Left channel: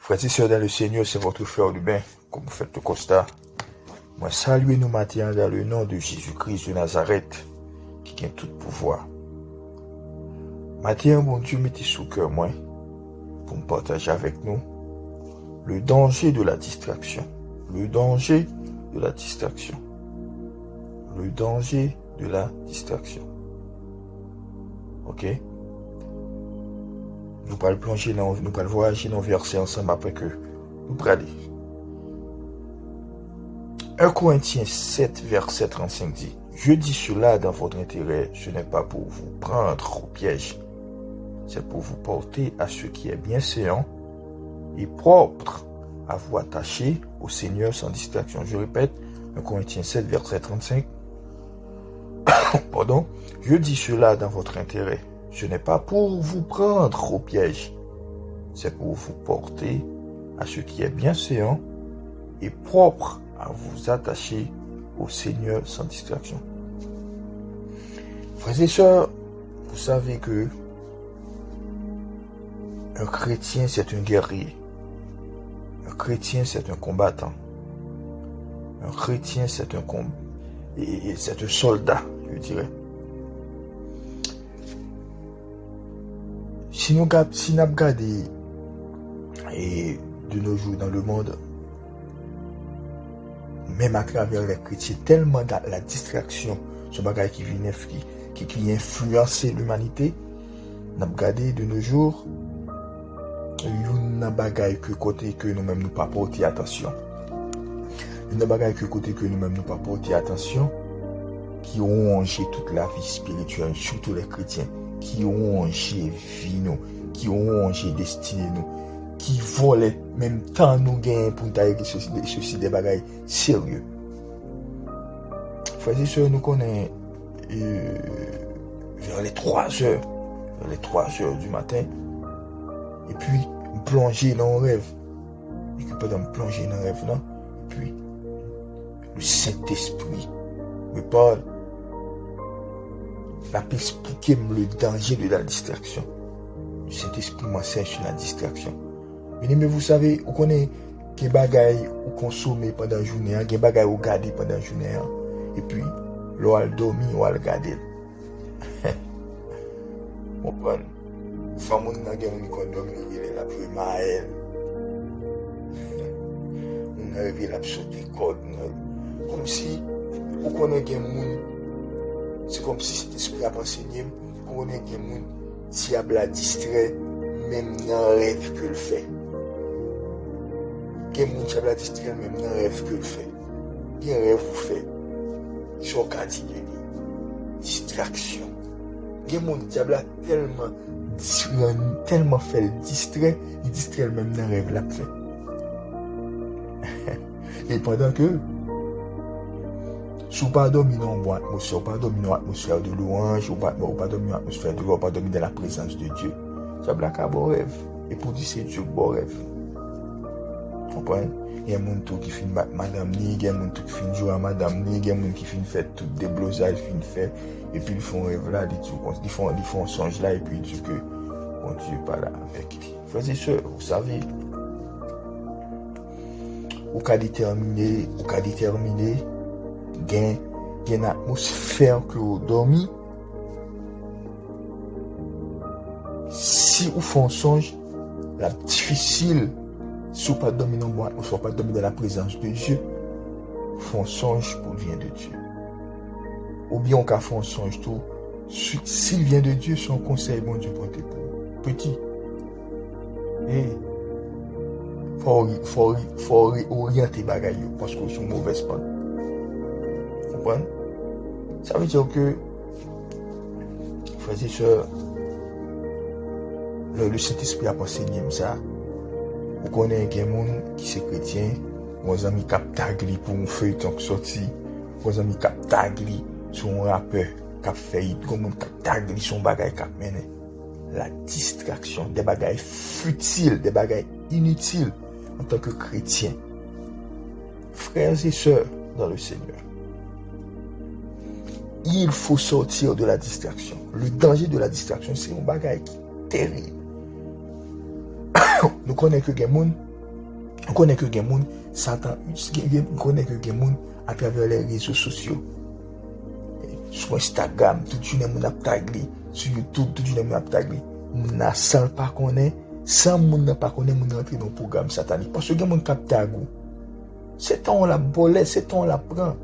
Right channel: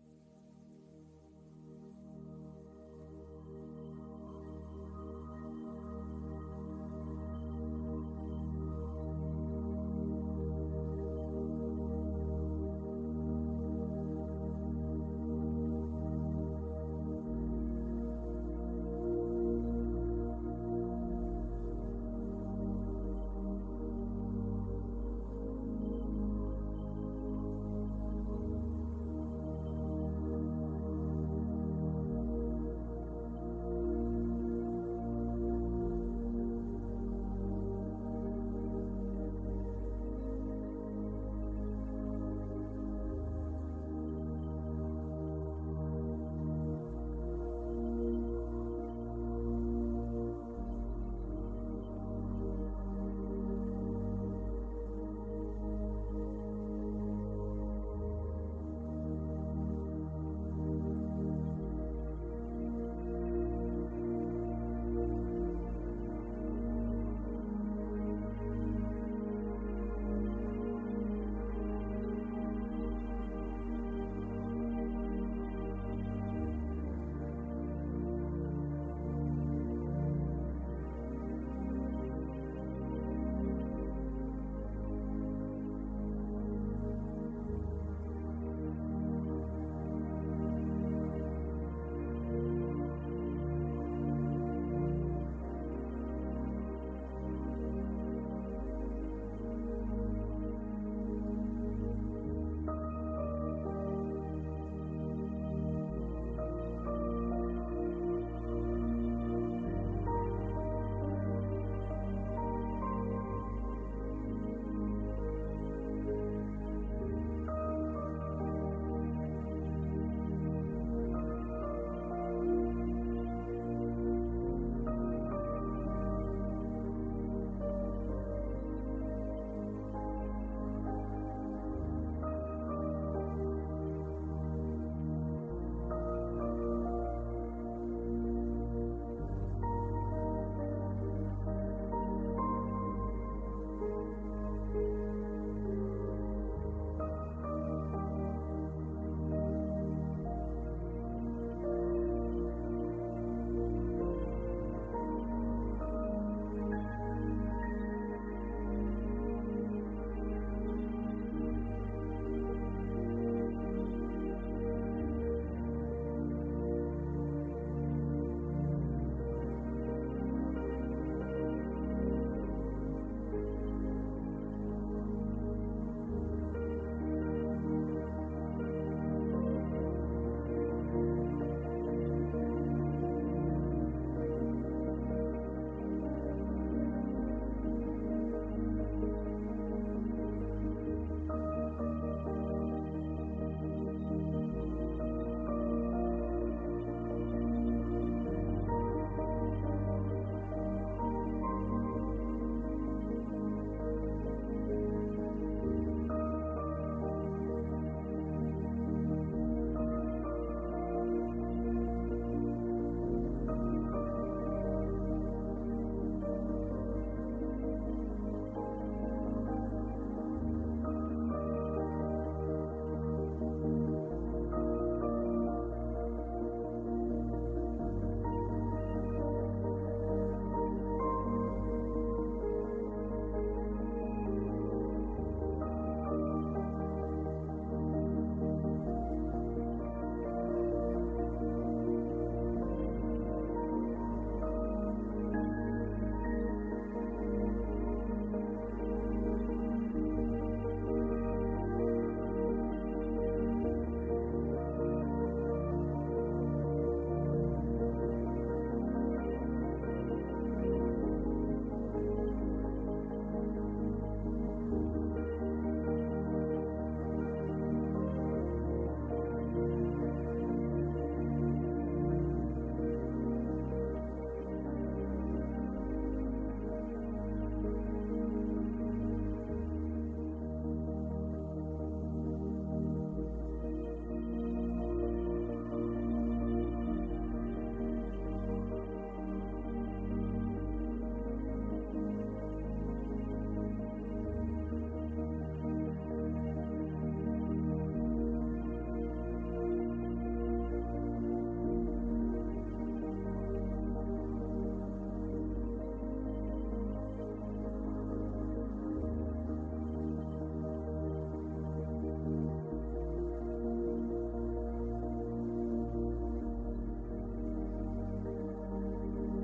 Frères et sœurs dans le Seigneur, c'est votre frère Rubin, comme vous faites le constat. Moi, saluez nous matin dans le nom de Jésus-Christ de Nazareth, qui a tout pouvoir. Matin, mon Dieu, mettez sous cœur moi, pour me partager avec nous le danger de la distraction. Le danger de la distraction. Le danger de la distraction. Ok? Nous allons plonger dans, nous allons voyager dans le verset ensemble après que nous allons aller. 1 Corinthiens 7, verset 35 dit: Je dis cela dans votre intérêt, ce n'est pas pour vous prendre au piège, c'est pour vous porter à ce qui est bienséant et propre, à vous attacher au Seigneur sans distraction. Je répète, 1 Corinthiens 7, verset 35. Pardon. Je dis cela dans votre intérêt. Ce n'est pas pour vous prendre au piège, c'est pour vous porter à ce qui est bienséant et propre, à vous attacher au Seigneur sans distraction. Frères et sœurs, vous savez que un chrétien, c'est un guerrier. Un chrétien, c'est un combattant. Un chrétien, c'est un soldat, je dirais. Si nous regardons de nos jours dans le monde, même à travers les chrétiens, tellement la distraction, ce bagage qui influencer l'humanité, nous regardons de nos jours, il y a un bagage que côté que nous-mêmes nous pas porter attention. Il y a un bagage que côté que nous-mêmes nous pas porter attention, qui ont rongé toute la vie spirituelle, surtout les chrétiens, qui ont rongé vie nous, qui ont rongé destinée nous, qui volent même temps nous gagnent pour tailler ceci des bagailles sérieux. Frères et sœurs, nous connaissons vers les 3 heures du matin, et puis plonger dans un rêve. Et que pendant plonger dans un rêve là, et puis le Saint-Esprit me parle, va expliquer le danger de la distraction. Le Saint-Esprit m'enseigne sur la distraction. Mais vous savez, vous connaissez des bagailles vous consommez pendant la journée, des bagailles vous gardez pendant la journée, et puis, l'on a dormi ou a regardé. Vous comprenez? Les femmes qui ont dormi, elles ont joué Maël. On a réveillé la sauté code. Comme si, vous connaissez des gens, c'est comme si cet esprit a enseigné, vous connaissez des gens, si il y a distrait, même dans le rêve que le fait. Il y a des gens qui ont distrait, même dans le rêve que le fait. Il y a un rêve vous fait. Sur quantité distraction. Il y a des gens qui ont tellement fait le distrait, il distrait même dans le rêve là fait. Et pendant que si vous ne pas dormir dans une bonne atmosphère, pas dormir dans l'atmosphère de louange, ou pas dormir dans l'atmosphère de gloire, pas dormir dans la présence de Dieu, ça va être un bon rêve. Et pour dire c'est Dieu bon rêve. Vous comprenez? Il y a des gens qui finissent battre madame ni, il y a des gens qui finissent jouer à madame ni, il y a des gens qui finissent faire tout déblosage, finissent faire, et puis ils font un rêve là, ils font un songe là, et puis ils disent que bon Dieu n'est pas là avec lui. Frères et sœurs, vous savez, au cas déterminé, il y a une atmosphère que vous dormez. Si vous faites un songe, la difficile, si vous ne pas dormir dans le bois, ou pas dormir dans la présence de Dieu, vous faites un songe pour le bien de Dieu. Ou bien on peut faire un songe tout, s'il vient de Dieu, son conseil, bon Dieu, pour tes petit. Et il faut orienter les bagages parce que c'est une mauvaise part. Vous comprenez? Ça veut dire que, frères et sœurs, le Saint-Esprit a enseigné ça. Vous connaissez des gens qui sont chrétiens, vos amis qui tagli pour un feuilleton qui sorti, vos amis qui tagli sur un rappeur qui fait comme un tagli sur un bagage qui mené. La distraction, des bagages futiles, des bagages inutiles en tant que chrétien. Frères et sœurs dans le Seigneur, il faut sortir de la distraction. Le danger de la distraction, c'est un bagage qui est terrible. Nous connaissons que les gens On connaît que les gens, Satan, on connaît que les gens à travers les réseaux sociaux. Sur Instagram, tout le monde a tagué. Sur YouTube, tout le monde a tagué. On n'a sans pas connaître, sans monde n'a pas connaître, on rentre dans le programme satanique. Parce que les gens qui tagué. C'est temps la bolette, c'est temps la prend.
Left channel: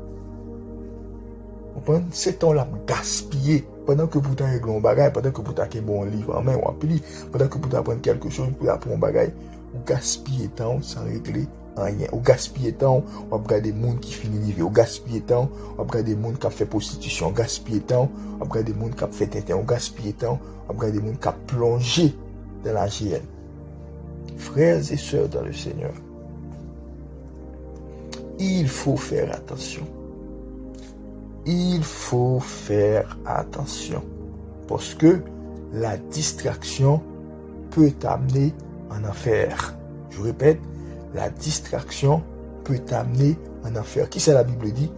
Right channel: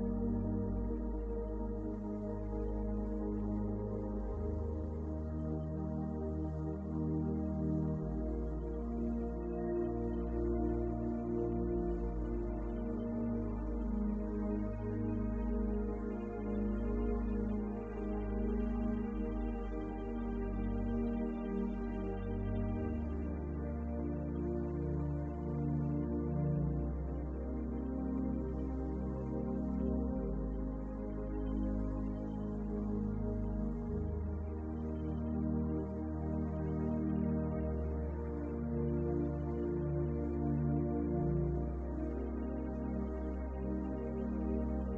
C'est temps la gaspiller. Pendant que vous avez un bagage, pendant que vous avez un bon livre en main ou appli, pendant que vous apprenez quelque chose, vous apprendre un bagage, vous gaspillez temps sans régler rien. Vous gaspillez temps, vous regardez des gens qui finissent livre. Vous gaspillez temps, vous regardez des gens qui fait prostitution. Vous gaspillez temps, vous regardez des gens qui fait tintin. Vous gaspillez temps, vous regardez des gens qui plongé dans la GN. Frères et sœurs dans le Seigneur, il faut faire attention. Il faut faire attention. Parce que la distraction peut t'amener en enfer. Je répète, la distraction peut t'amener en enfer. Qui c'est la Bible dit?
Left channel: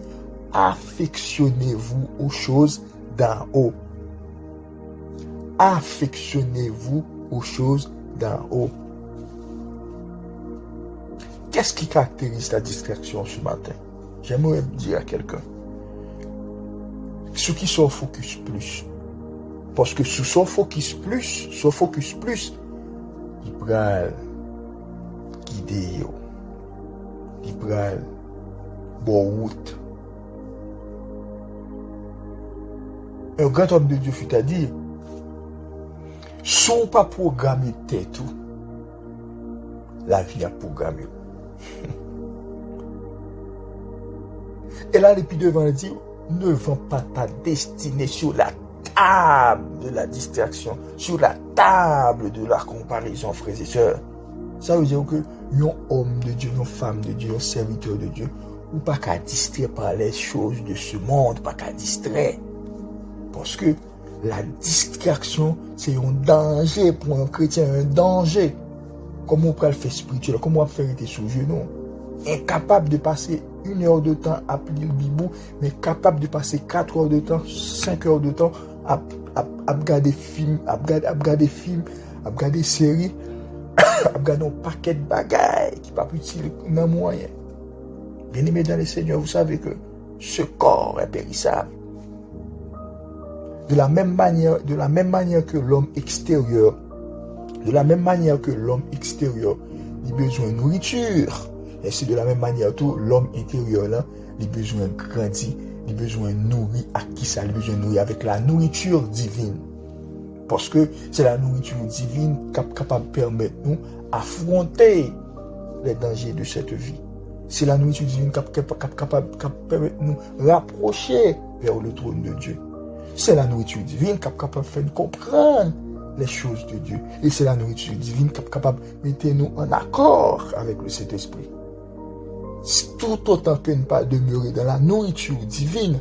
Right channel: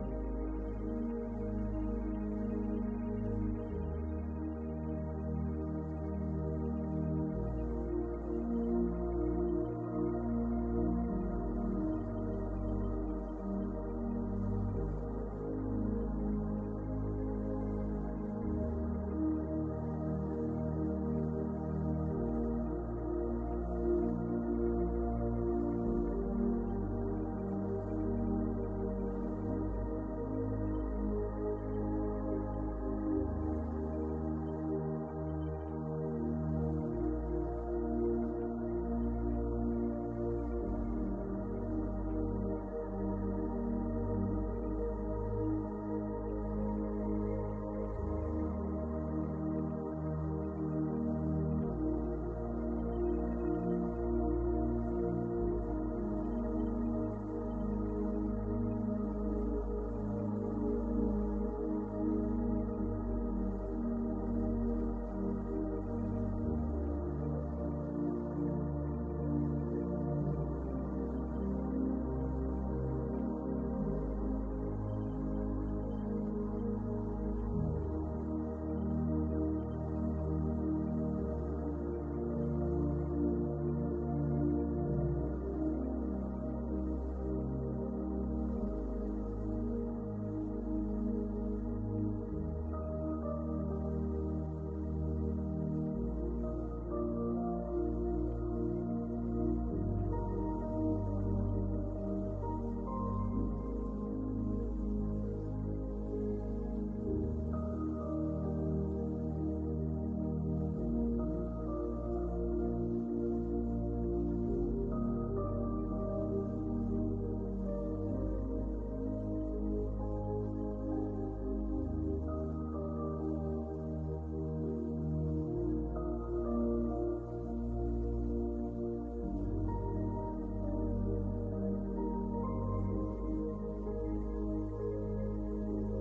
Affectionnez-vous aux choses d'en haut. Affectionnez-vous aux choses d'en haut. Qu'est-ce qui caractérise la distraction ce matin? J'aimerais dire à quelqu'un. Ceux qui sont focus plus. Parce que sous son focus plus, il pral guider, il pral bon route. Un grand homme de Dieu fut à dire, sont pas programmés tête tout, la vie a programmé. Et là, depuis devant, il dit, ne vends pas ta destinée sur la table de la distraction, sur la table de la comparaison, frères et sœurs. Ça veut dire que un homme de Dieu, une femme de Dieu, un serviteur de Dieu, ou pas qu'à distraire par les choses de ce monde, pas qu'à distraire. Parce que la distraction, c'est un danger pour un chrétien, un danger. Comment on peut le faire spirituel, comment on peut faire sur le genou, incapable de passer 1 heure de temps à plier le bibou, mais capable de passer 4 heures de temps, 5 heures de temps à regarder films, à regarder séries, à regarder un paquet de bagailles qui ne pas utile dans moyen. Bien aimé dans le Seigneur, vous savez que ce corps est périssable. De la même manière que l'homme extérieur, il a besoin de nourriture. Et c'est de la même manière tout l'homme intérieur là, il a besoin de grandir, il a besoin de nourrir à qui ça, il a besoin de nourrir avec la nourriture divine. Parce que c'est la nourriture divine qui est capable de permettre nous affronter les dangers de cette vie. C'est la nourriture divine qui est capable de permettre nous rapprocher vers le trône de Dieu. C'est la nourriture divine qui est capable de faire nous comprendre les choses de Dieu. Et c'est la nourriture divine qui est capable de mettre nous en accord avec le Saint-Esprit. Tout autant que ne pas demeurer dans la nourriture divine,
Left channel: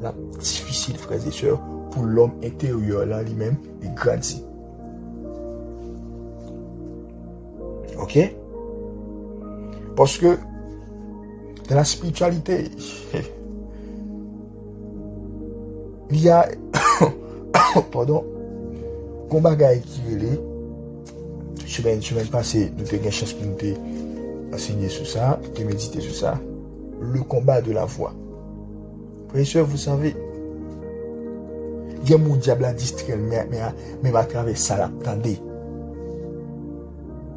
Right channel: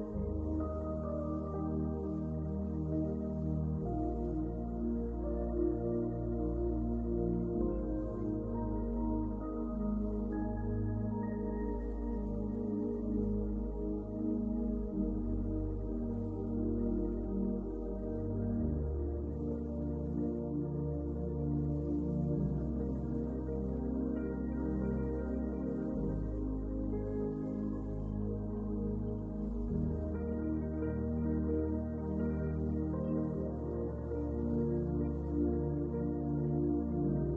la difficile, frères et sœurs, pour l'homme intérieur là lui-même et grandir. Ok? Parce que dans la spiritualité, il y a pardon, un bagage qui est semaine passée, nous avons eu chance pour nous enseigner sur ça, de méditer sur ça. Le combat de la foi. Frères et sœurs, vous savez, il y a mon diable à distraire, mais à travers ça, l'attendez.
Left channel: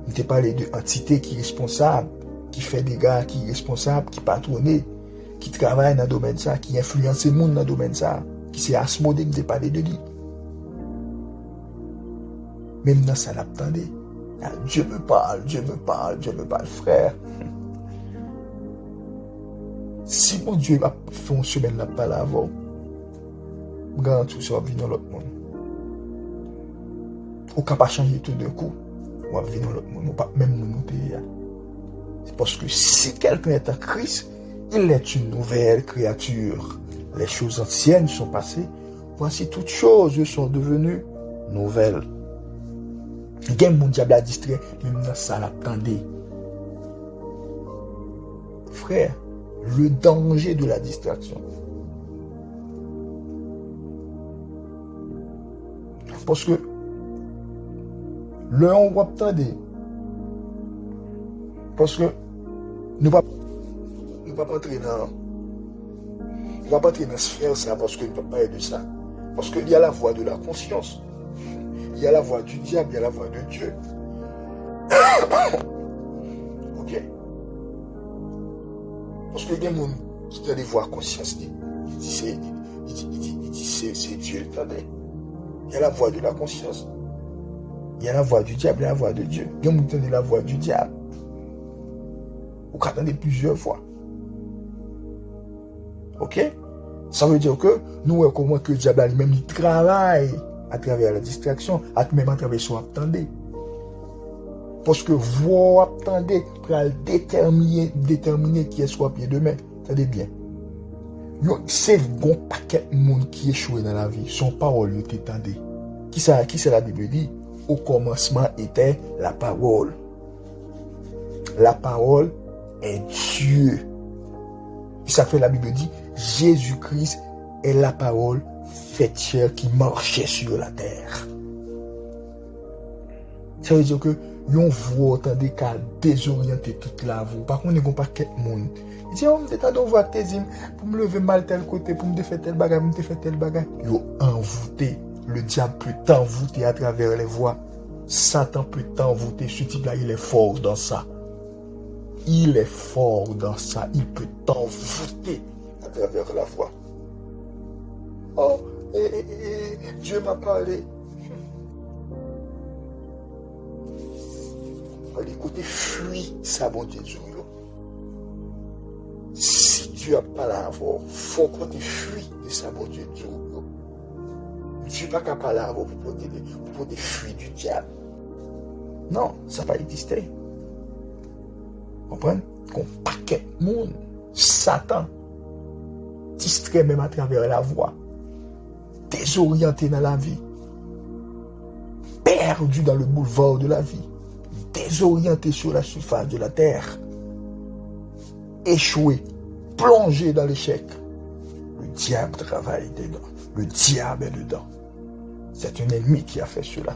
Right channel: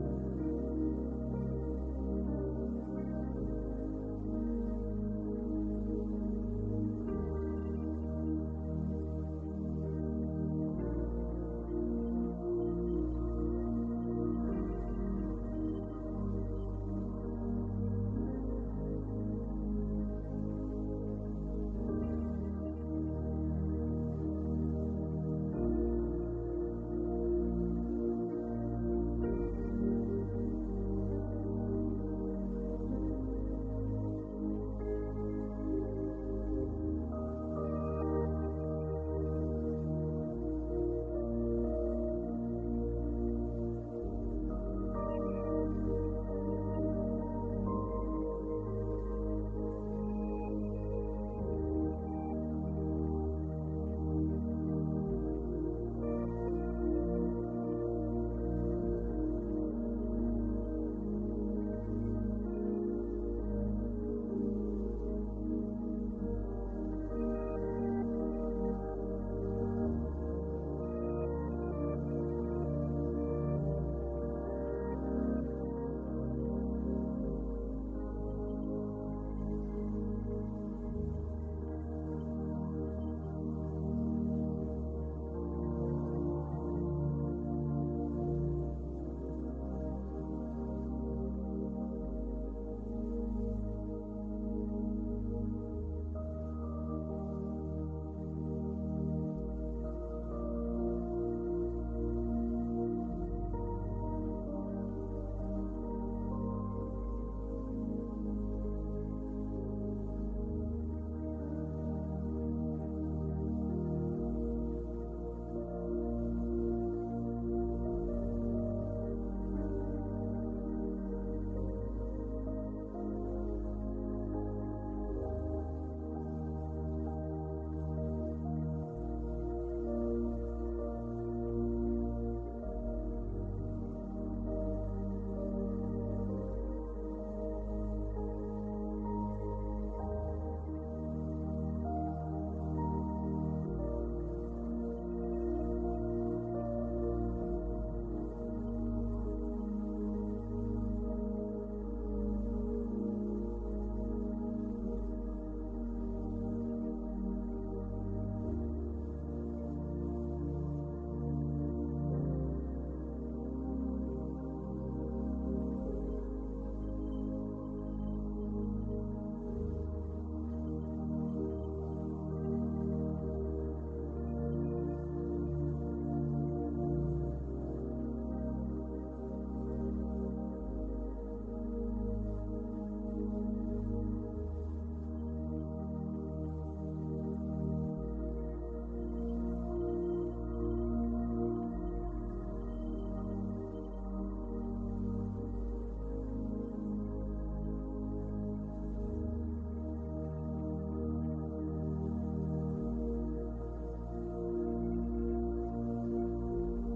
On te parlé de entité qui est responsable, qui fait des gars, qui est responsable, qui patronne, qui travaille dans le domaine ça, qui influence le monde dans le domaine ça, qui s'est asmodé, qui te parlé de lui. Même dans ça, l'attendez. Dieu me parle, frère. Si mon Dieu va faire une semaine là pas là avant, regarde tout ça va venir dans l'autre monde. On ne peut pas changer tout d'un coup. On va venir dans l'autre monde. On ne peut pas même nous monter. C'est parce que si quelqu'un est en Christ, il est une nouvelle créature. Les choses anciennes sont passées. Voici toutes choses sont devenues nouvelles. Il y a mon diable à distraire, même dans ça l'attendez. Frère, le danger de la distraction. Parce que le on va attendre. Parce que Nous ne pouvons pas entrer dans ce sphère ça parce que nous ne pouvons pas parler de ça. Parce qu'il y a la voix de la conscience. Il y a la voix du diable, il y a la voix de Dieu. Ok? Parce que il y a des gens qui ont des voix conscience. Il dit c'est Dieu le tendait. Il y a la voix de la conscience. Il y a la voix du diable et la voix de Dieu. Il y a des gens qui ont la voix du diable. Vous entendez plusieurs fois. Ok? Ça veut dire que nous, comment que le diable lui-même il travaille à travers la distraction, même à travers son attendez. Parce que vous attendez pour déterminer qui est soit pied demain. Attendez bien. C'est bon paquet de monde qui échoue dans la vie. Son parole, vous t'étendez. Qui c'est la Bible dit? Au commencement était la parole. La parole est Dieu. Et ça fait la Bible dit, Jésus-Christ est la parole faite chair qui marchait sur la terre. Ça veut dire que vous entendez qu'à désorienter toute la vie. Par contre, il n'y a pas quelqu'un monde. Il dit, on me dit, on voit tes hymnes pour me lever mal tel côté, pour me faire tel bagage, pour me faire tel bagage. Ils ont envoûté. Le diable peut t'envoûter à travers les voies. Satan peut t'envoûter. Ce type-là, il est fort dans ça. Il est fort dans ça. Il peut t'envoûter à travers la voie. Oh, Dieu m'a parlé. Écoutez, fuis ça, bon Dieu. Si tu n'as pas la voix, il faut que tu fuis de ça, bon Dieu. Tu n'es pas capable de la voix pour te fuir du diable. Non, ça va exister. Vous comprenez? Qu'on paquet de monde, Satan, distrait même à travers la voie, désorienté dans la vie, perdu dans le boulevard de la vie, désorienté sur la surface de la terre, échoué, plongé dans l'échec. Le diable travaille dedans. Le diable est dedans. C'est un ennemi qui a fait cela.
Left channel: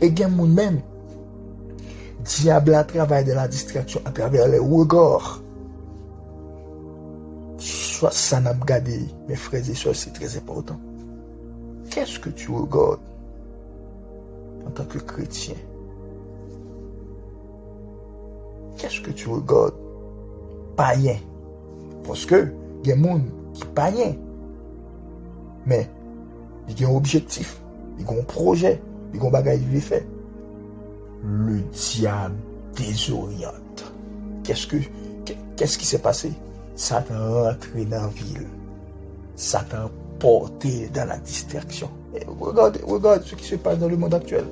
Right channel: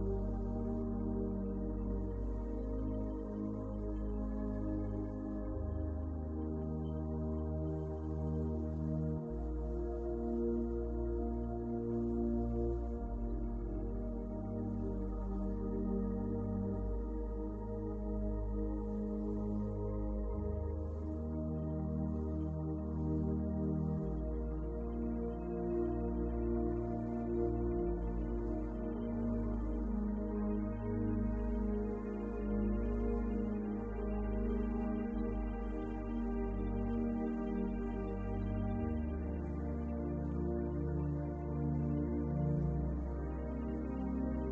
Et il y a même, diable a travaillé de la distraction à travers les regards. Soit ça n'a pas gardé, mes frères et sœurs, c'est très important. Qu'est-ce que tu regardes en tant que chrétien? Qu'est-ce que tu regardes? Païen. Parce que il y a des gens qui sont païens. Mais il y a un objectif, il y a un projet, il y a un bagage qui est fait. Le diable désoriente. Qu'est-ce qui s'est passé? Satan rentré dans la ville. Satan porté dans la distraction. Et regarde ce qui se passe dans le monde actuel.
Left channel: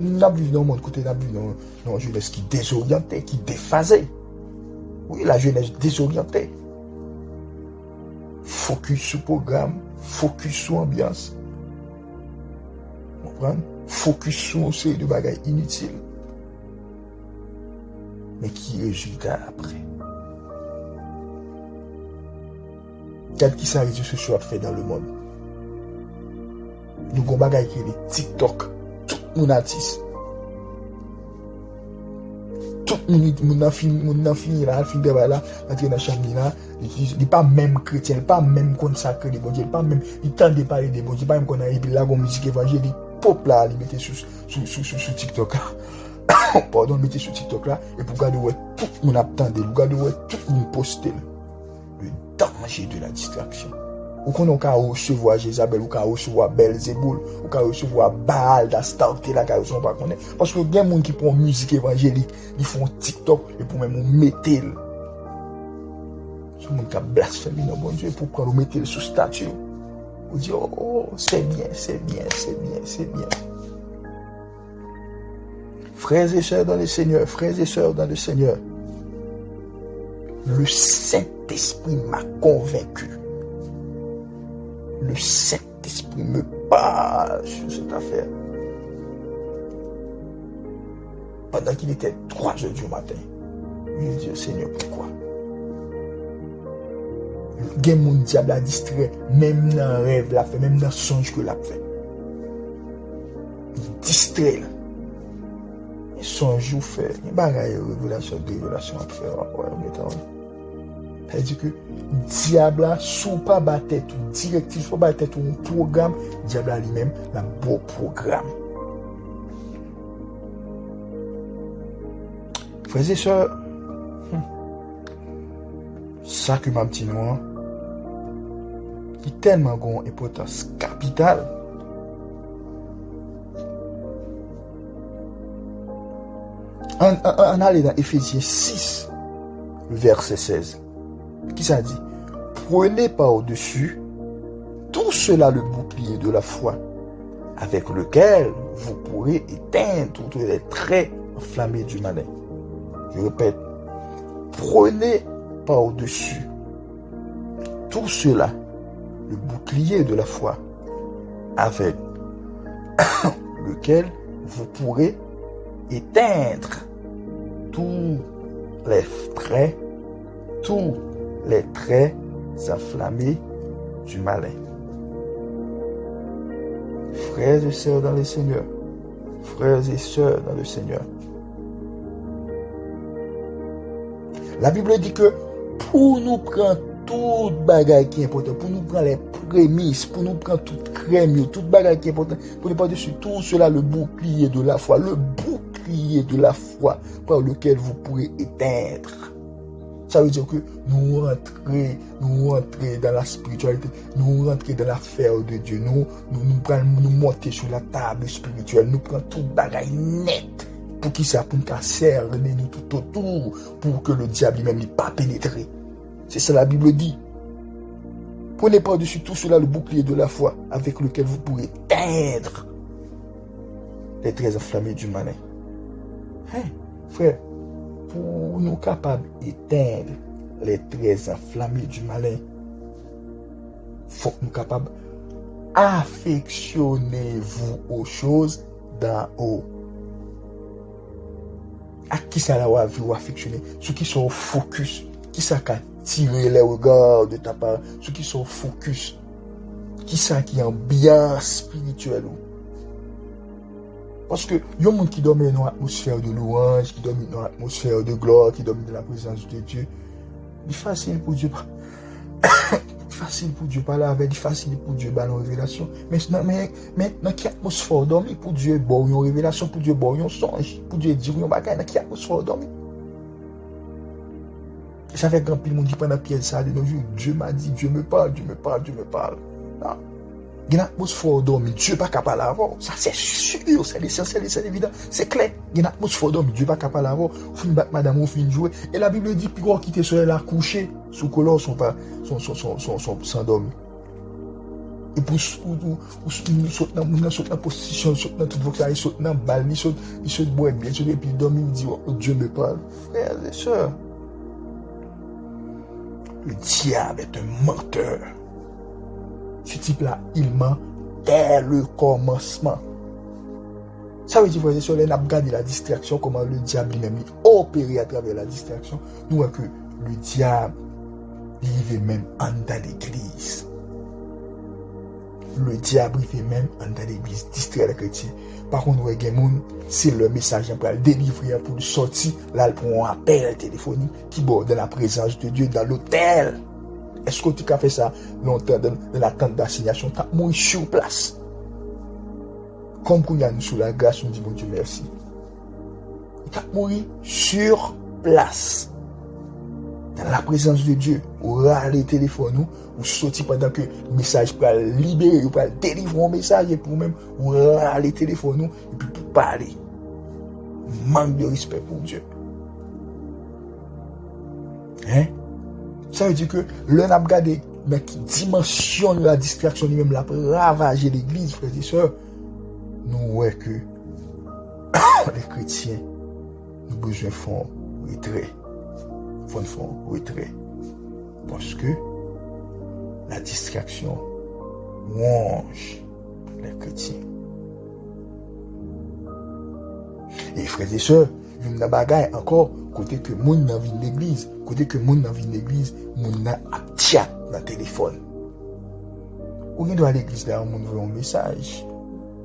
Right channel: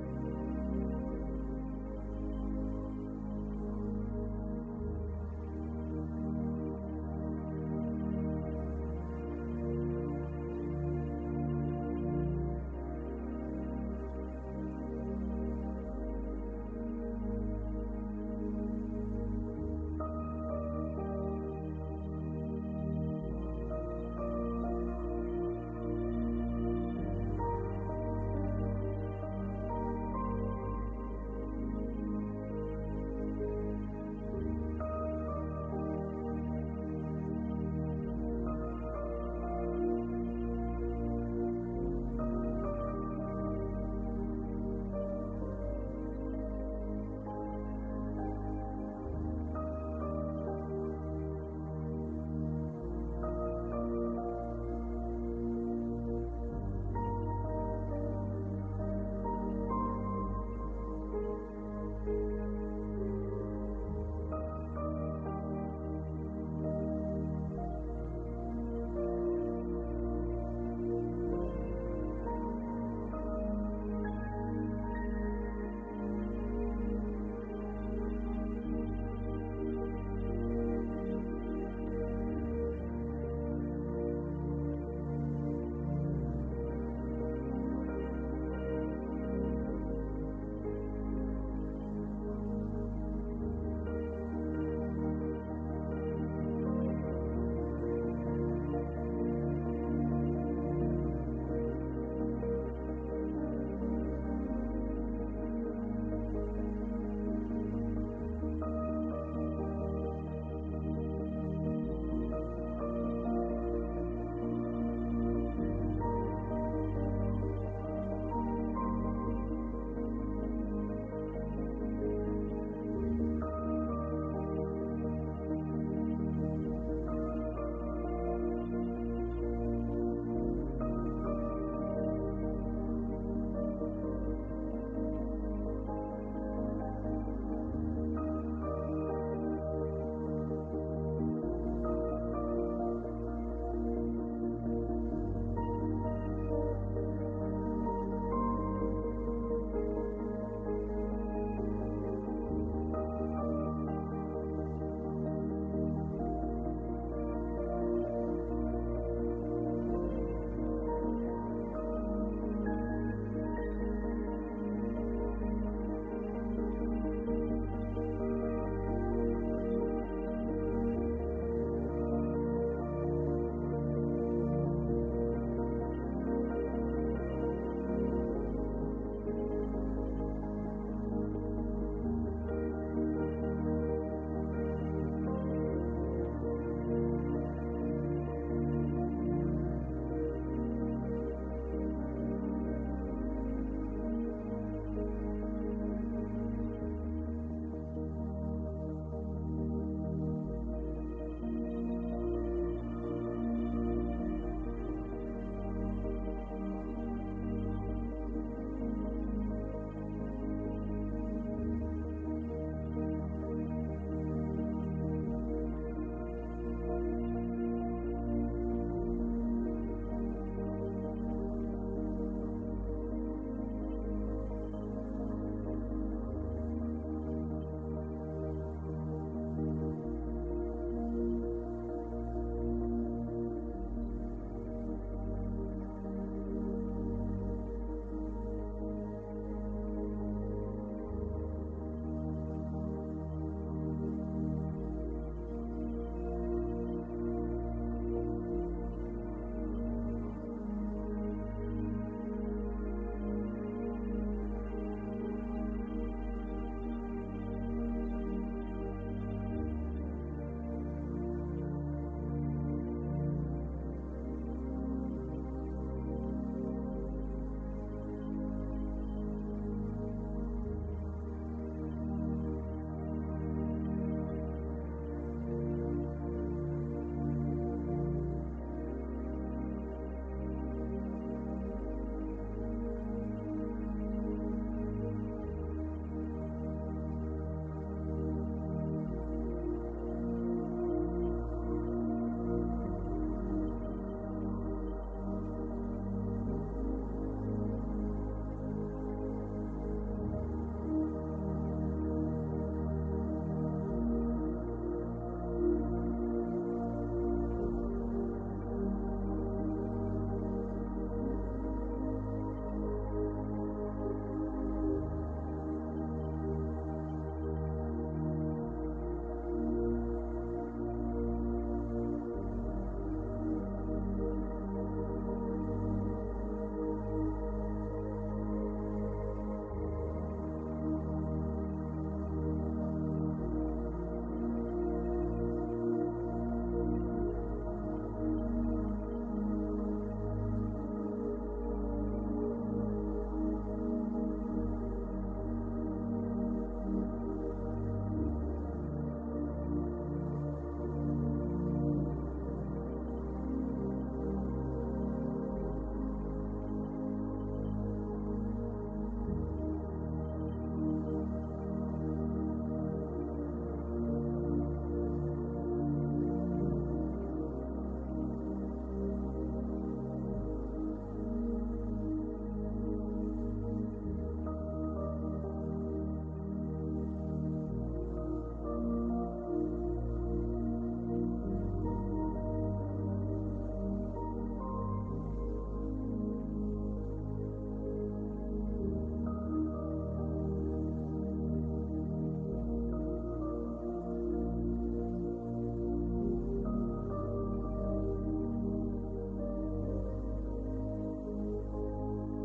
Nous avons vu dans le monde côté, nous avons vu dans une jeunesse qui désorientée, qui déphasée. Oui, la jeunesse désorientée. Focus sur programme, focus sur ambiance. Vous comprenez? Focus sur ces deux bagages inutiles. Mais qui résultat après? Quel qui s'arrête ce soit fait dans le monde? Nous avons des bagages qui est TikTok. Tout le monde artiste. Tout le monde a fini là, il est là, entrer dans la chambre là. Il n'est pas même chrétien, il n'est pas même consacré de bon Dieu, il n'est pas même, il tente de parler de bon Dieu, il n'est pas même qu'on a épi là, comme musique évangélique, pop là, il mettait sur TikTok là. Pardon, il mettait sur TikTok là, et pour regarder où tout le monde attendait, pour regarder où tout le monde postait. Le danger de la distraction. Ou qu'on a recevoir Jézabel, ou qu'on a recevoir Belzéboul, ou qu'on a recevoir Baal d'Astarte, là, qu'on ne pas connaître. Parce que il y a des gens qui font musique évangélique, ils font TikTok, et pour même mettre. Ce monde qui a blasphémé dans mon Dieu, pour prendre mettre sous statue. Vous dire, oh, c'est bien, c'est bien, c'est bien, c'est bien. Frères et sœurs dans le Seigneur, frères et sœurs dans le Seigneur, le Saint-Esprit m'a convaincu. Le Saint-Esprit me parle sur cette affaire. Pendant qu'il était 3h du matin, je dis, Seigneur, pourquoi? Il y a mon diable à distrait, même dans le rêve, la fait, même dans le songe que l'a fait. Il distrait là. songe ou fait, il bagaille révélation à faire. C'est-à-dire que diable là, sous pas battre tout directif, sous battre tout un programme, diable lui-même un beau programme. Frères et sœurs, ça que m'a dit moi, est tellement une importance capitale. On allait dans Éphésiens 6, verset 16. Qui ça dit? Prenez par-dessus tout cela le bouclier de la foi, avec lequel vous pourrez éteindre tous les traits enflammés du malin. Je répète, prenez par-dessus tout cela le bouclier de la foi, avec lequel vous pourrez éteindre tous les traits enflammés du malin. Frères et sœurs dans le Seigneur, frères et sœurs dans le Seigneur, la Bible dit que pour nous prendre toute bagaille qui est important, pour nous prendre les prémices, pour nous prendre toute crème, toute bagaille qui est important, pour ne pas dessus tout cela, le bouclier de la foi, le bouclier de la foi par lequel vous pourrez éteindre. Ça veut dire que nous rentrons dans la spiritualité, nous rentrons dans l'affaire de Dieu, nous monter sur la table spirituelle, nous prenons toute bagaille nette. Pour qui ça? Pour nous cerner nous tout autour, pour que le diable lui-même n'ait pas pénétré. C'est ça la Bible dit. Prenez par-dessus tout cela le bouclier de la foi, avec lequel vous pourrez éteindre les traits enflammés du malin. Frère, pour nous capables d'éteindre les traits enflammés du malin, il faut que nous capables affectionnez-vous aux choses d'en haut. À qui ça va vous affectionner? Ceux qui sont focus, qui ça qui tirer les regards de ta part, ceux qui sont focus, qui ça qui est ambiance spirituelle. Parce que il y a des gens qui dorment dans l'atmosphère de louange, qui dorment dans l'atmosphère de gloire, qui dorment dans la présence de Dieu. C'est facile pour Dieu. Facile pour Dieu parler avec, facile pour Dieu parler en révélation. Mais dans quelle atmosphère dormir pour Dieu bon une révélation, pour Dieu bon un songe, pour Dieu dire un bagage, dans quelle atmosphère dormir? Ça fait grand pile monde dit pendant Pierre ça de nos jours, Dieu m'a dit, Dieu me parle, Dieu me parle, Dieu me parle. Non. Il y a une atmosphère dormir, Dieu pas capable avant. Ça c'est sûr, c'est l'essentiel, c'est évident, c'est clair. Il y a une atmosphère dormir, Dieu pas capable avant. Fin battre madame, on fin jouer. Et la Bible dit puis qu'on quitter sur la coucher, sous colon sont sans dormir. Et pour sauter dans la position, sauter dans toute vocation, sauter dans balle, il saute boire bien, et puis dormir, il dit Dieu me parle. Frères et sœurs, le diable est un menteur. Ce type-là, il ment dès le commencement. Ça veut dire, frères et sœurs, on a regardé la distraction, comment le diable lui-même opère à travers la distraction. Nous voyons que le diable, il vit même en dans l'église. Le diable, il vit même en dans l'église, distraire les chrétiens. Par contre, nous voyons c'est le message pour le délivrer, pour le sortir, là, pour un appel téléphonique qui borde dans la présence de Dieu, dans l'hôtel. Est-ce que tu as fait ça longtemps dans la tente d'assignation? Tu as mouru sur place. Comme qu'on y a nous sous la grâce, nous dit mon Dieu merci. Tu as mouru sur place. Dans la présence de Dieu. Ou râler téléphone, ou sortir pendant que le message peut libérer, ou peut délivrer un message, et pour même, ou râler téléphone, et puis pour parler. Manque de respect pour Dieu. Hein? Ça veut dire que l'on a regardé, mais qui dimensionne la distraction, lui-même la ravager l'église, frères et sœurs, nous voyons que les chrétiens, nous avons besoin de faire retrait. Retrait. Parce que la distraction ronge les chrétiens. Et frères et sœurs, il y a une bagaille encore, côté que moun nan vin l'église, moun nan ap chat dans téléphone. Ou gen do à l'église là, moun voit un message.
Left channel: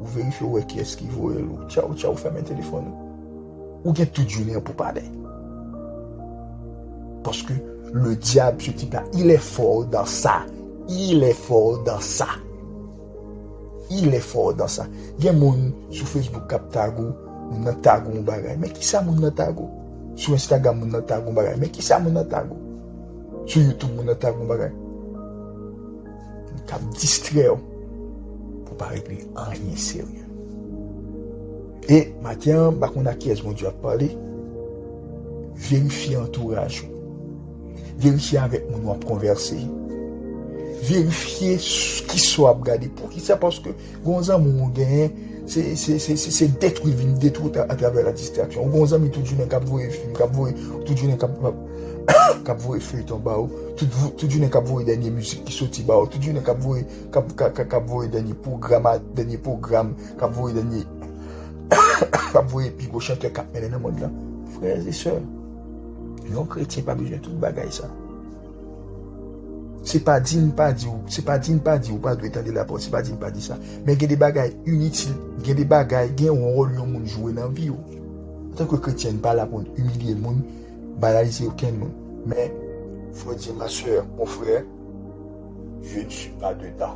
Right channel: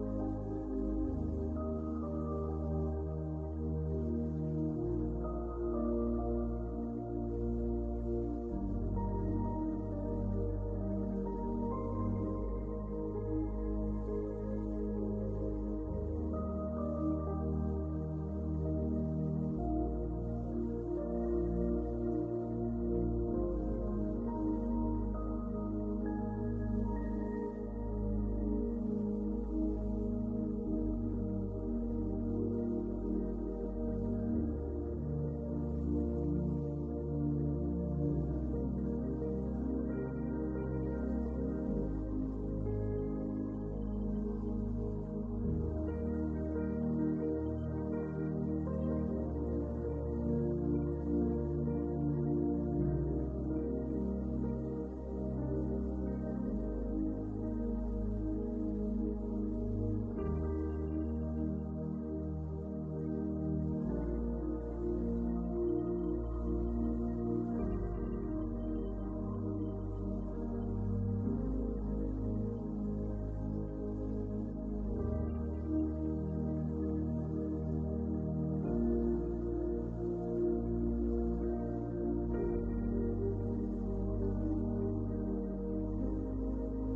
Ou vérifiez qui est-ce qui voit, ciao, fermez le téléphone. ou bien toute journée pour parler. Parce que le diable, ce type-là, il est fort dans ça. Il est fort dans ça. Il est fort dans ça. Il y a des gens sur Facebook qui tago, moun nan tago moun bagay. Mais qui ça moun nan tago? Sur Instagram moun nan tago moun bagay. Mais qui ça moun nan tago? Sur YouTube moun nan tago moun bagay. Cap distrait pour pas régler rien sérieux. Et maintenant, bah qu'on a qui est-ce mon Dieu a parlé? Vérifier entourage. Vérifier avec mon on converser. Vérifier qui soit regardé pour qui ça parce que gonzam mon gain c'est détruire à travers la distraction. Gonzam tout journée cap voir film, cap voir tout journée cap voir feuilleton ba tout journée cap voir dernière musique qui sorti ba tout journée cap voir dernier programme cap voir dernier cap voir puis go chanteur cap mener dans monde là. Frères et sœurs, non chrétien pas besoin de tout bagaille ça. C'est pas dit ou pas doit étendre la porte, c'est pas dit pas dit ça. Mais il y a des bagailles inutiles, il y a des bagailles qui ont un rôle que monde jouer dans la vie. En tant que chrétien, pas là pour humilier le monde, banaliser aucun monde. Mais il faut dire ma soeur, mon frère, je ne suis pas dedans.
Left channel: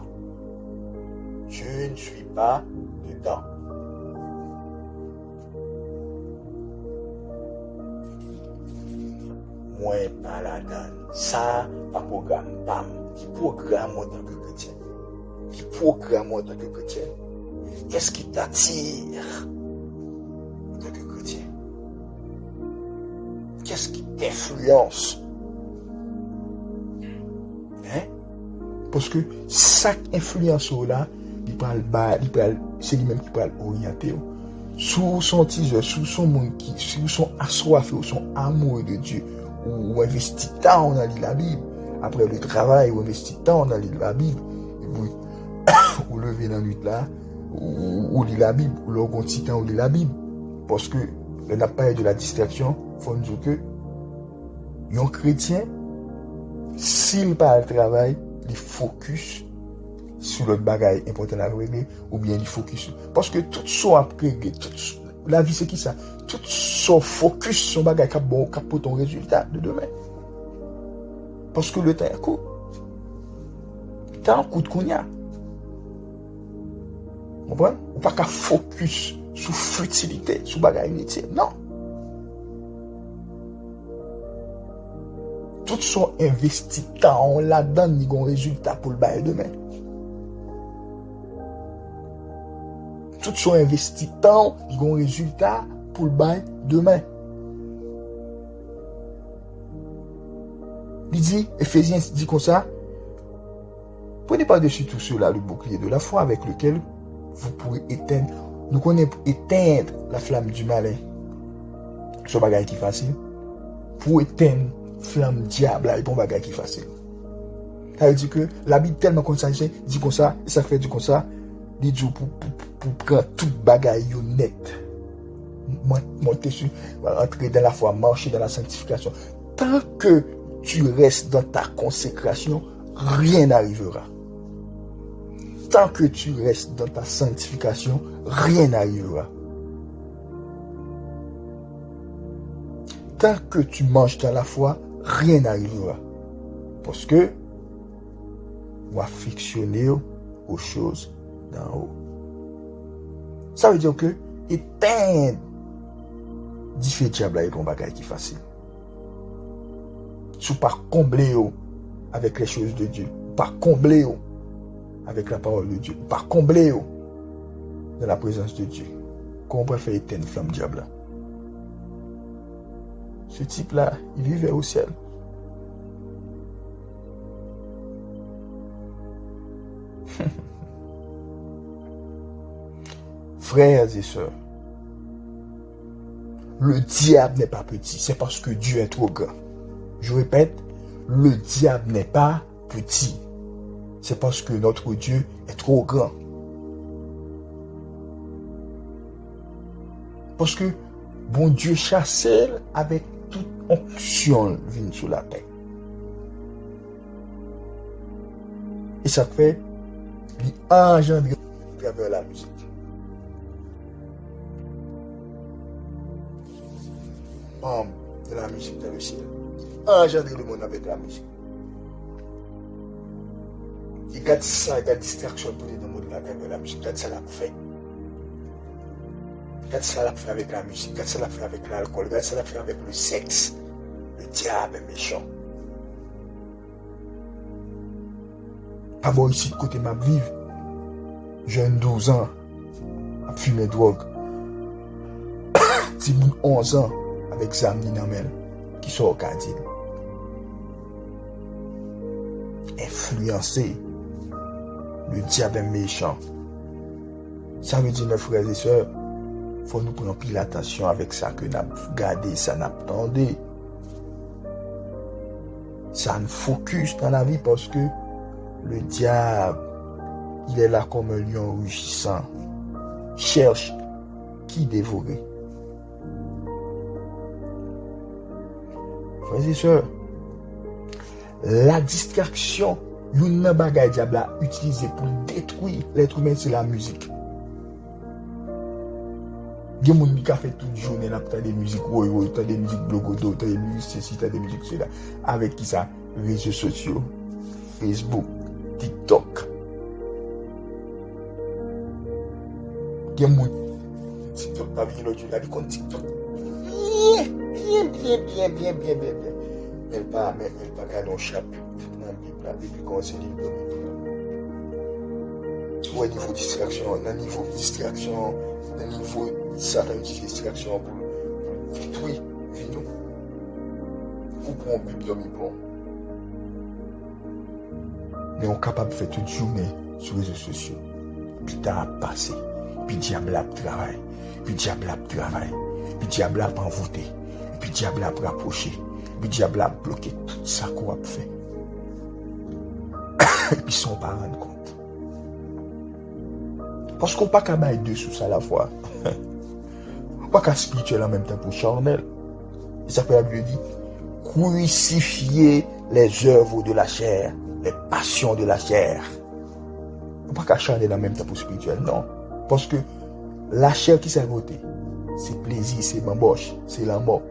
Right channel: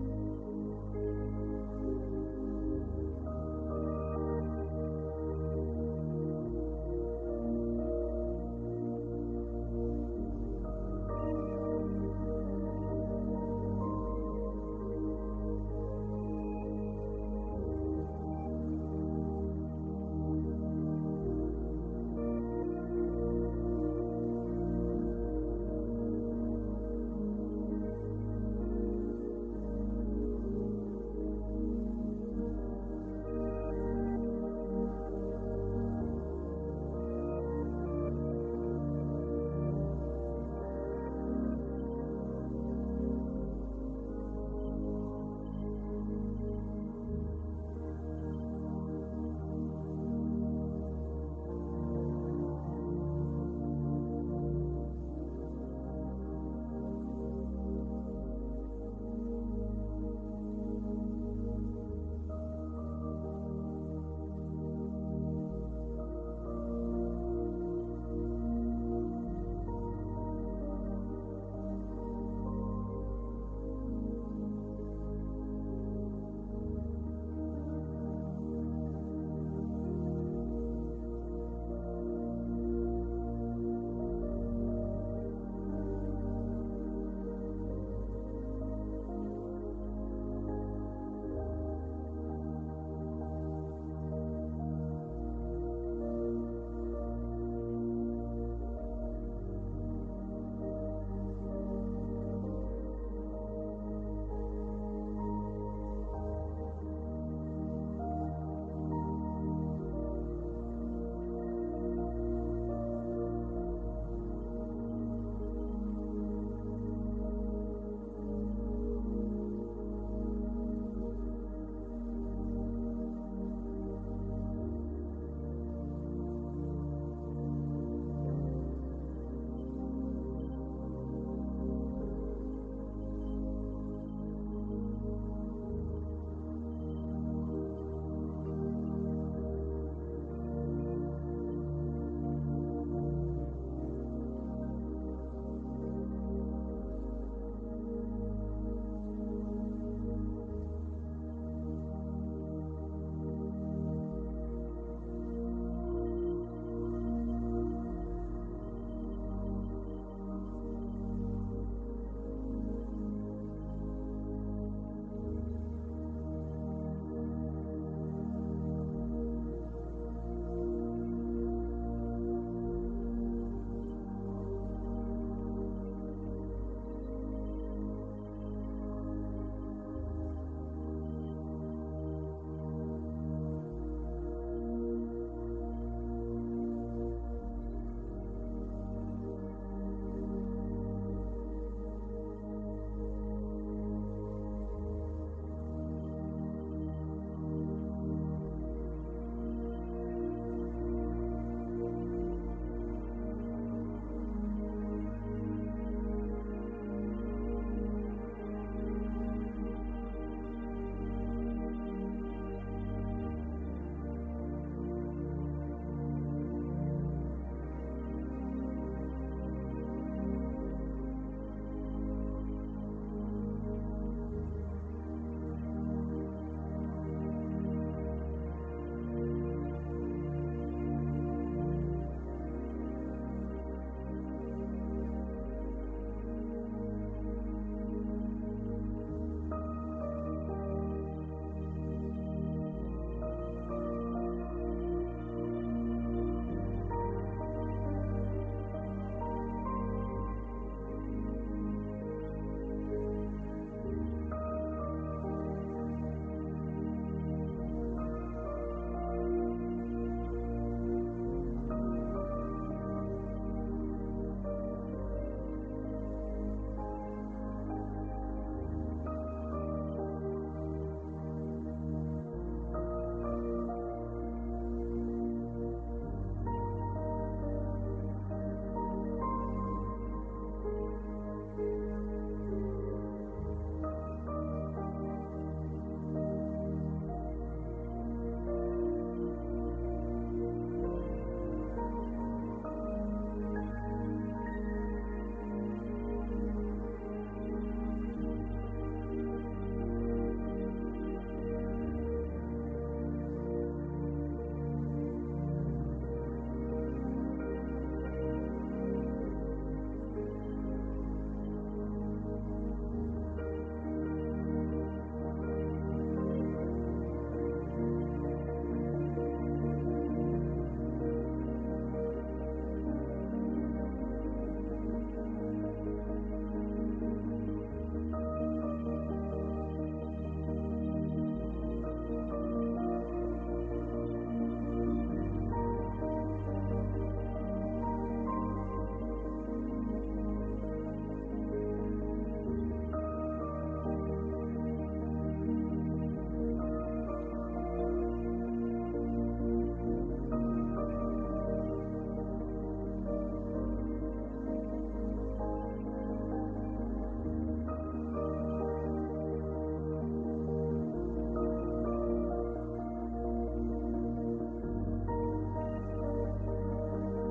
Je ne suis pas dedans. Moi, pas là-dedans. Ça, un programme, bam, qui programme en tant que chrétien. Qui programme en tant que chrétien. Qu'est-ce qui t'attire en tant que chrétien? Qu'est-ce qui t'influence? Hein? Parce que chaque influence là, c'est lui-même qui parle orienté. Sous son teaser, sous son monde sous son assoiffé, ou son amour de Dieu. Ou investit tant dans la Bible. Après le travail, ou investit tant dans la Bible. Ou lever dans la nuit là, ou lire la Bible, ou l'orgon temps ou lire la Bible. Parce que le n'a pas de la distraction, il faut nous dire que un chrétien, s'il parle travail, il focus sur le bagage important à régler, ou bien il focus. Parce que tout ça après, la vie c'est qui ça? Tout son focus sur bagage qui pour ton résultat de demain. Parce que le temps est court. Le temps coûte qu'on y a. Vous comprenez? Ou pas qu'à focus sur futilité, sur bagage inutile. Non. Tout son investi temps là-dedans, il y a un résultat pour le bail demain. Tout son investi temps, il y a un résultat pour le bail demain. Il dit, Éphésiens dit comme ça, prenez par-dessus tout cela le bouclier de la foi avec lequel vous pourrez éteindre, nous connaissons éteindre la flamme du malin. Ce bagage qui est facile. Pour éteindre la flamme diable, il y a un bagage qui est facile. Ça veut dire que la Bible tellement comme ça, dit comme ça, et ça fait du comme ça, il dit pour prendre tout bagage net. Monter sur, entrer dans la foi, marcher dans la sanctification. Tant que tu restes dans ta consécration, rien n'arrivera. Tant que tu restes dans ta sanctification, rien n'arrivera. Tant que tu manges dans la foi, rien n'arrivera. Parce que on va fictionner aux choses d'en haut. Ça veut dire que éteindre différents diables est un bagage qui est facile. Si vous ne combler avec les choses de Dieu, pas combler avec la parole de Dieu, pas combler dans la présence de Dieu, comment on peut faire éteindre la flamme diable? Ce type-là, il vivait au ciel. Frères et sœurs, le diable n'est pas petit, c'est parce que Dieu est trop grand. Je répète, le diable n'est pas petit, c'est parce que notre Dieu est trop grand. Parce que bon Dieu chassait avec toute onction venue sur la terre. Et ça fait engendrer à travers la musique. la musique dans le ciel. Engendrer le monde avec la musique. Il y a ça, il y a distraction pour les monde avec la musique. Regarde ça l'a fait. Regarde ça l'a fait avec la musique. Regarde ça l'a fait avec l'alcool. Regarde ça l'a fait avec le sexe. Le diable est méchant. Pas bon ici, côté ma vie. Jeune 12 ans, a fumé drogue. Si 11 ans, avec Zamni Namel, qui sont au Cadil. Influencé. Le diable est méchant. Ça veut dire, mes frères et sœurs, il faut nous prendre pile attention avec ça que nous avons gardé, ça nous attendé. Ça nous focus dans la vie parce que le diable, il est là comme un lion rugissant. Cherche qui dévorer. Frères et sœurs, la distraction, l'une des bagages diable a utilisé pour détruire l'être humain, c'est la musique. Il y a des gens qui ont fait toute journée, ils ont des musiques, ils ont des musiques blogodo, des musiques ceci, des musiques cela. Avec qui ça? Réseaux sociaux, Facebook, TikTok. Il y a des gens qui TikTok, pas bien l'autre, il a dit qu'on TikTok. Bien. Elle va garder un chapitre dans le livre, la Bible, comment c'est libre. Au niveau distraction, dans le niveau distraction, dans le niveau Satan utilise distraction pour détruire vie. Vous prenez un Bible, bon. Mais on est capable de faire toute journée sur les réseaux sociaux. Puis t'as passé, puis diable a travail, puis diable a travail, puis diable a envoûté, puis diable a rapproché. Le diable a bloqué tout ça qu'on a fait. Et puis ils ne sont pas rendus compte. Parce qu'on ne peut pas mettre deux sous ça à la fois. On ne peut pas spirituel en même temps pour charnel. Et ça peut la Bible dit crucifier les œuvres de la chair, les passions de la chair. On ne peut pas charnel en même temps pour spirituel, non. Parce que la chair qui s'est votée, c'est plaisir, c'est bamboche, c'est la mort.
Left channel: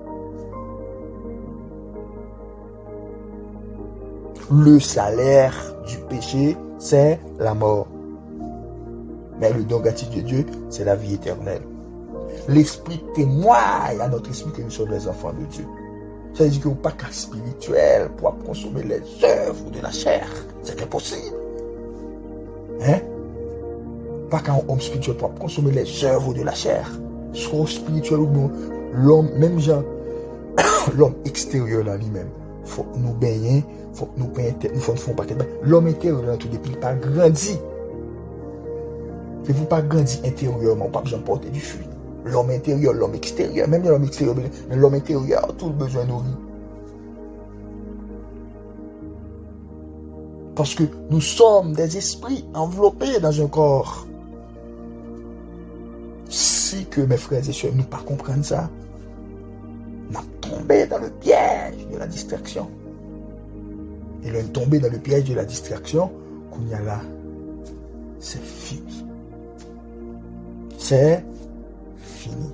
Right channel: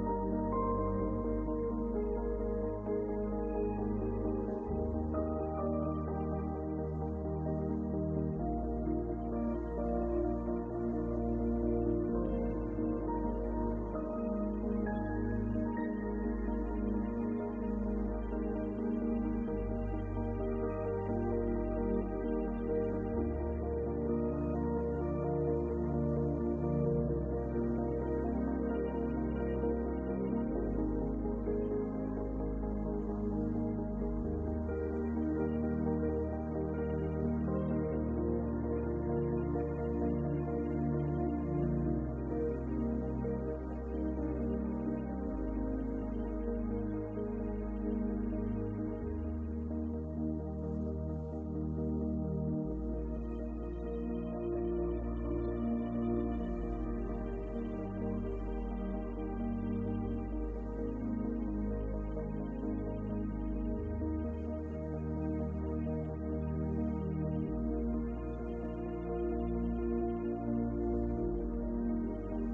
Le salaire du péché, c'est la mort. Mais le don gratuit de Dieu, c'est la vie éternelle. L'Esprit témoigne à notre esprit que nous sommes les enfants de Dieu. Ça veut dire qu'on n'a pas qu'un spirituel pour consommer les œuvres de la chair. C'est impossible. Hein? Pas qu'un homme spirituel pour consommer les œuvres de la chair. Soit spirituel ou non, l'homme, même genre, l'homme extérieur là lui-même. Il faut nous baigner, il faut que nous baigner, il faut nous faire l'homme intérieur dans tout depuis, il pas grandi. Si vous pas grandi intérieurement, pas besoin de porter du fruit. L'homme intérieur, l'homme extérieur, même l'homme extérieur, mais l'homme intérieur a tout besoin de nourrir. Parce que nous sommes des esprits enveloppés dans un corps. Si que mes frères et sœurs ne pas comprendre ça, on a tombé dans le piège de la distraction. Et l'on est tombé dans le piège de la distraction, qu'on y a là, c'est fini. C'est fini.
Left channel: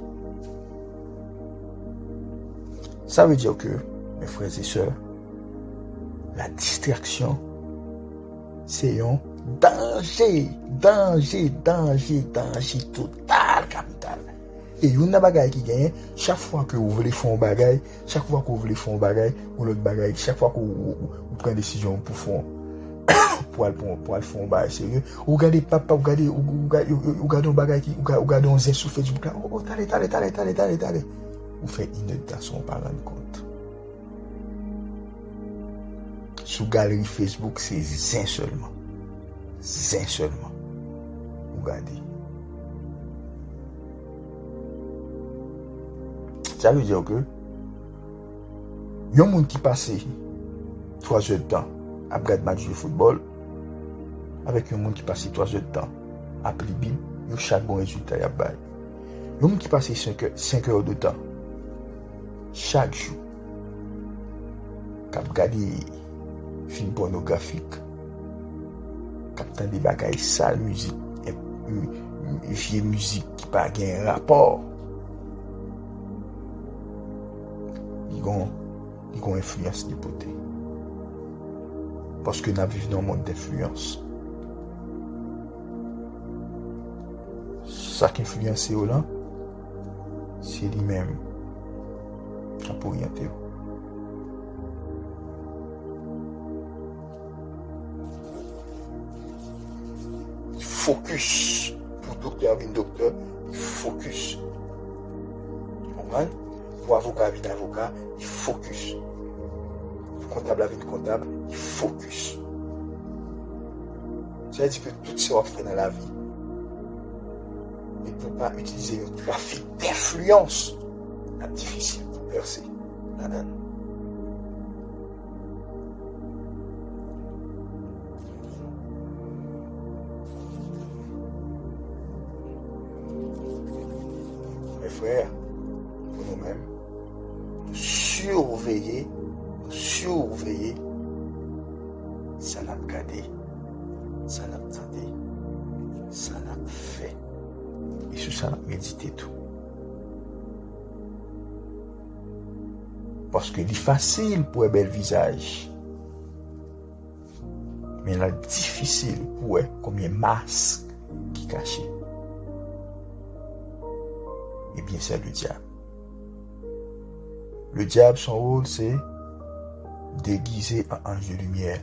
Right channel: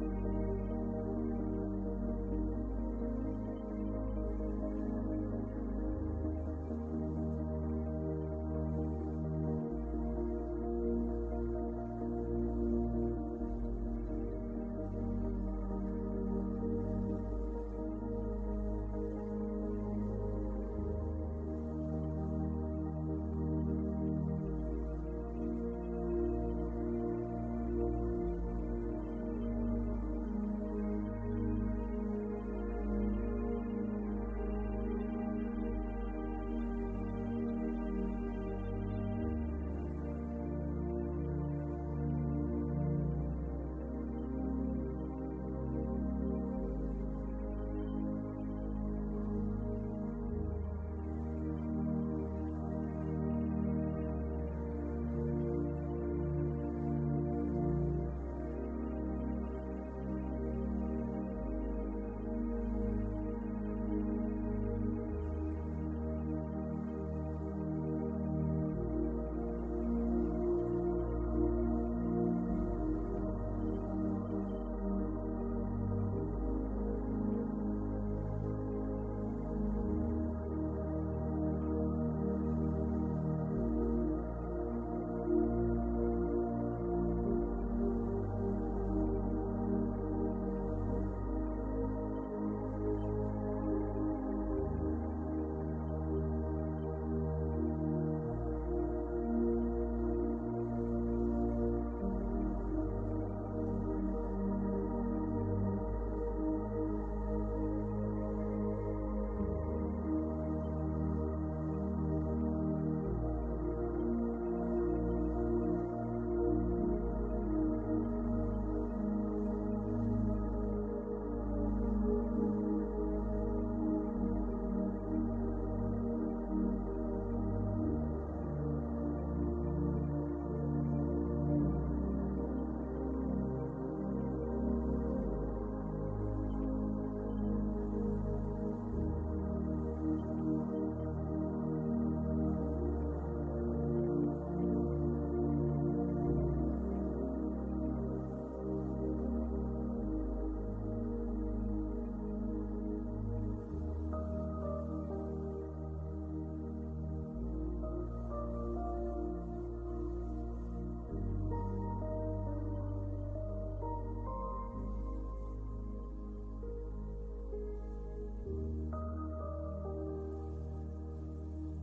Ça veut dire que, mes frères et sœurs, la distraction, c'est un danger total, capital. Et il y a une bagaille qui gagne, chaque fois que vous voulez faire un bagaille, chaque fois que vous voulez faire un bagaille, ou l'autre bagaille, chaque fois que vous prenez une décision pour faire un bagaille sérieux, vous regardez papa, vous regardez un bagaille, vous regardez un zé sur Facebook, oh, t'allez. Vous faites inondation par rendre compte. Sous galerie Facebook, c'est zin seulement. Vous regardez. Ça veut dire que il y a un monde qui passe 3 heures de temps à regarder match de football avec un monde qui passe 3 heures de temps à appeler Bible, il y a chaque bon résultat. Il y a un monde qui passe 5 heures de temps chaque jour à regarder film pornographique, captant des bagailles sales, musique, vieille musique qui n'a pas un rapport. ont influence de beauté. Parce que nous vivons dans un monde d'influence. Ça qui influence là, c'est lui-même qui a orienté. Focus. Pour docteur, docteur, focus. Pour avocat, avocat, il focus. Pour comptable, comptable, il focus. Ça veut dire que tout ce qu'on fait dans la vie, il ne peut pas utiliser le trafic d'influence. C'est difficile pour percer. Mes frères, pour nous-mêmes, surveiller, ça n'a pas gardé, ça n'a pas entendu, ça n'a pas fait, et sur ça n'a pas médité tout. Parce que c'est facile pour un bel visage, mais c'est difficile pour combien de masques qui cachent. Eh bien, c'est le diable. Le diable, son rôle, c'est déguiser un ange de lumière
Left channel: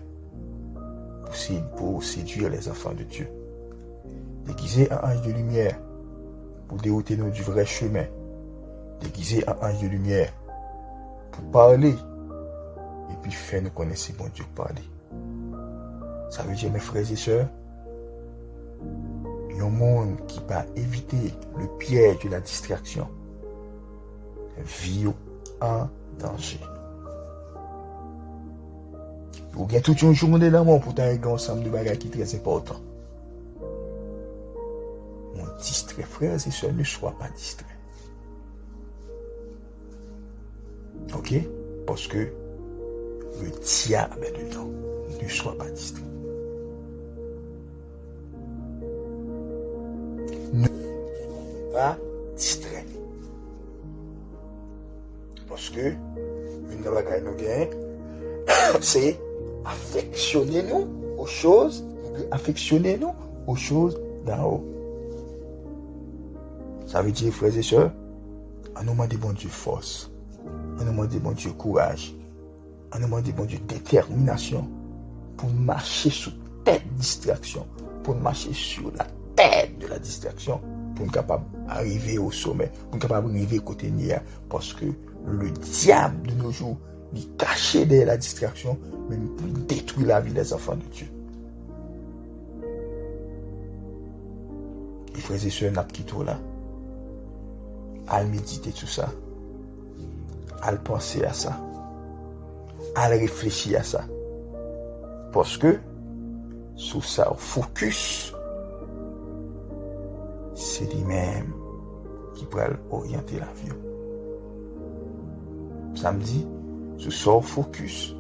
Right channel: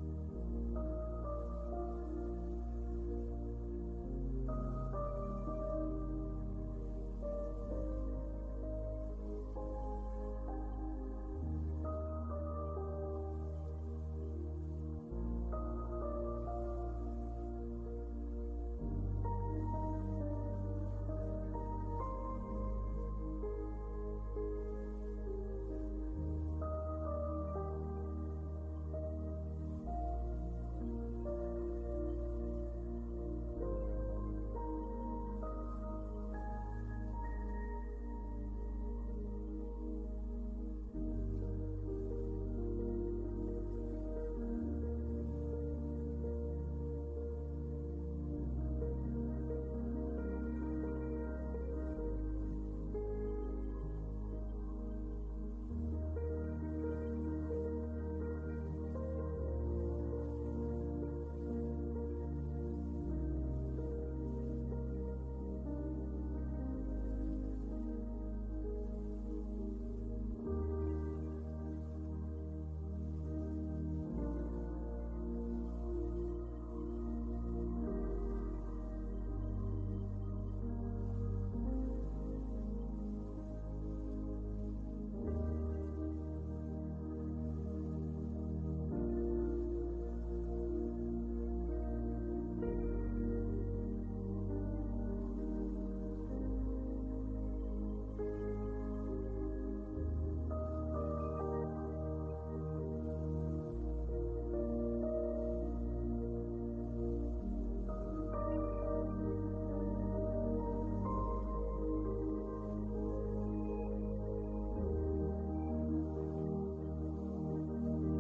pour séduire les enfants de Dieu. Déguiser un ange de lumière pour dérouter nous du vrai chemin. Déguiser un ange de lumière pour parler et puis faire nous connaître bon Dieu parler. Ça veut dire, mes frères et sœurs, il y a un monde qui va éviter le piège de la distraction. Vie en danger. Ou bien toute une journée d'amour pour t'arriver ensemble de bagages qui sont très importants. Mon distrait, frères et sœurs, ne sois pas distrait. Ok? Parce que le diable est dedans. Ne sois pas distrait. Ne sois pas distrait. Parce que une bagaille nous gagne, c'est affectionnez-nous aux choses d'en haut. Ça veut dire, frères et sœurs, on nous demande bon Dieu force, on nous demande bon Dieu courage, on nous demande bon Dieu détermination pour marcher sur tête distraction, pour marcher sur la tête de la distraction, pour être capable d'arriver au sommet, pour être capable d'arriver côté nier, parce que le diable de nos jours, il est caché derrière la distraction, mais il détruit la vie des enfants de Dieu. Et frères et sœurs, n'a quitté là. À méditer tout ça. À penser à ça. À réfléchir à ça. Parce que, sous ça, focus, c'est lui-même qui peut orienter l'avion. Samedi, sous ça, focus,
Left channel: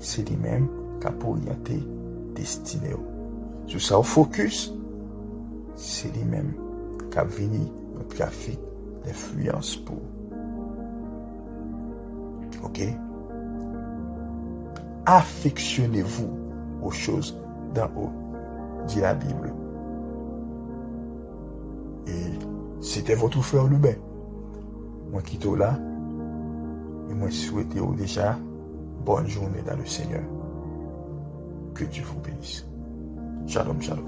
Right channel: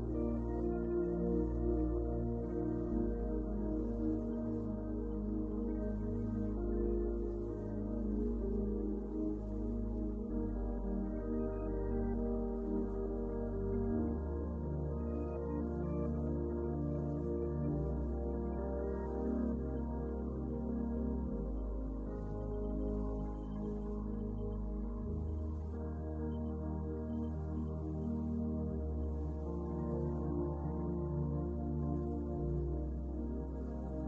c'est lui-même qui peut orienter destinée. Sous ça, focus, c'est lui-même qui a venu au trafic d'influence pour. Ok? Affectionnez-vous aux choses d'en haut, dit la Bible. Et c'était votre frère Lubin. Moi qui suis là, et moi souhaite déjà bonne journée dans le Seigneur. Que Dieu vous bénisse. Shalom, shalom.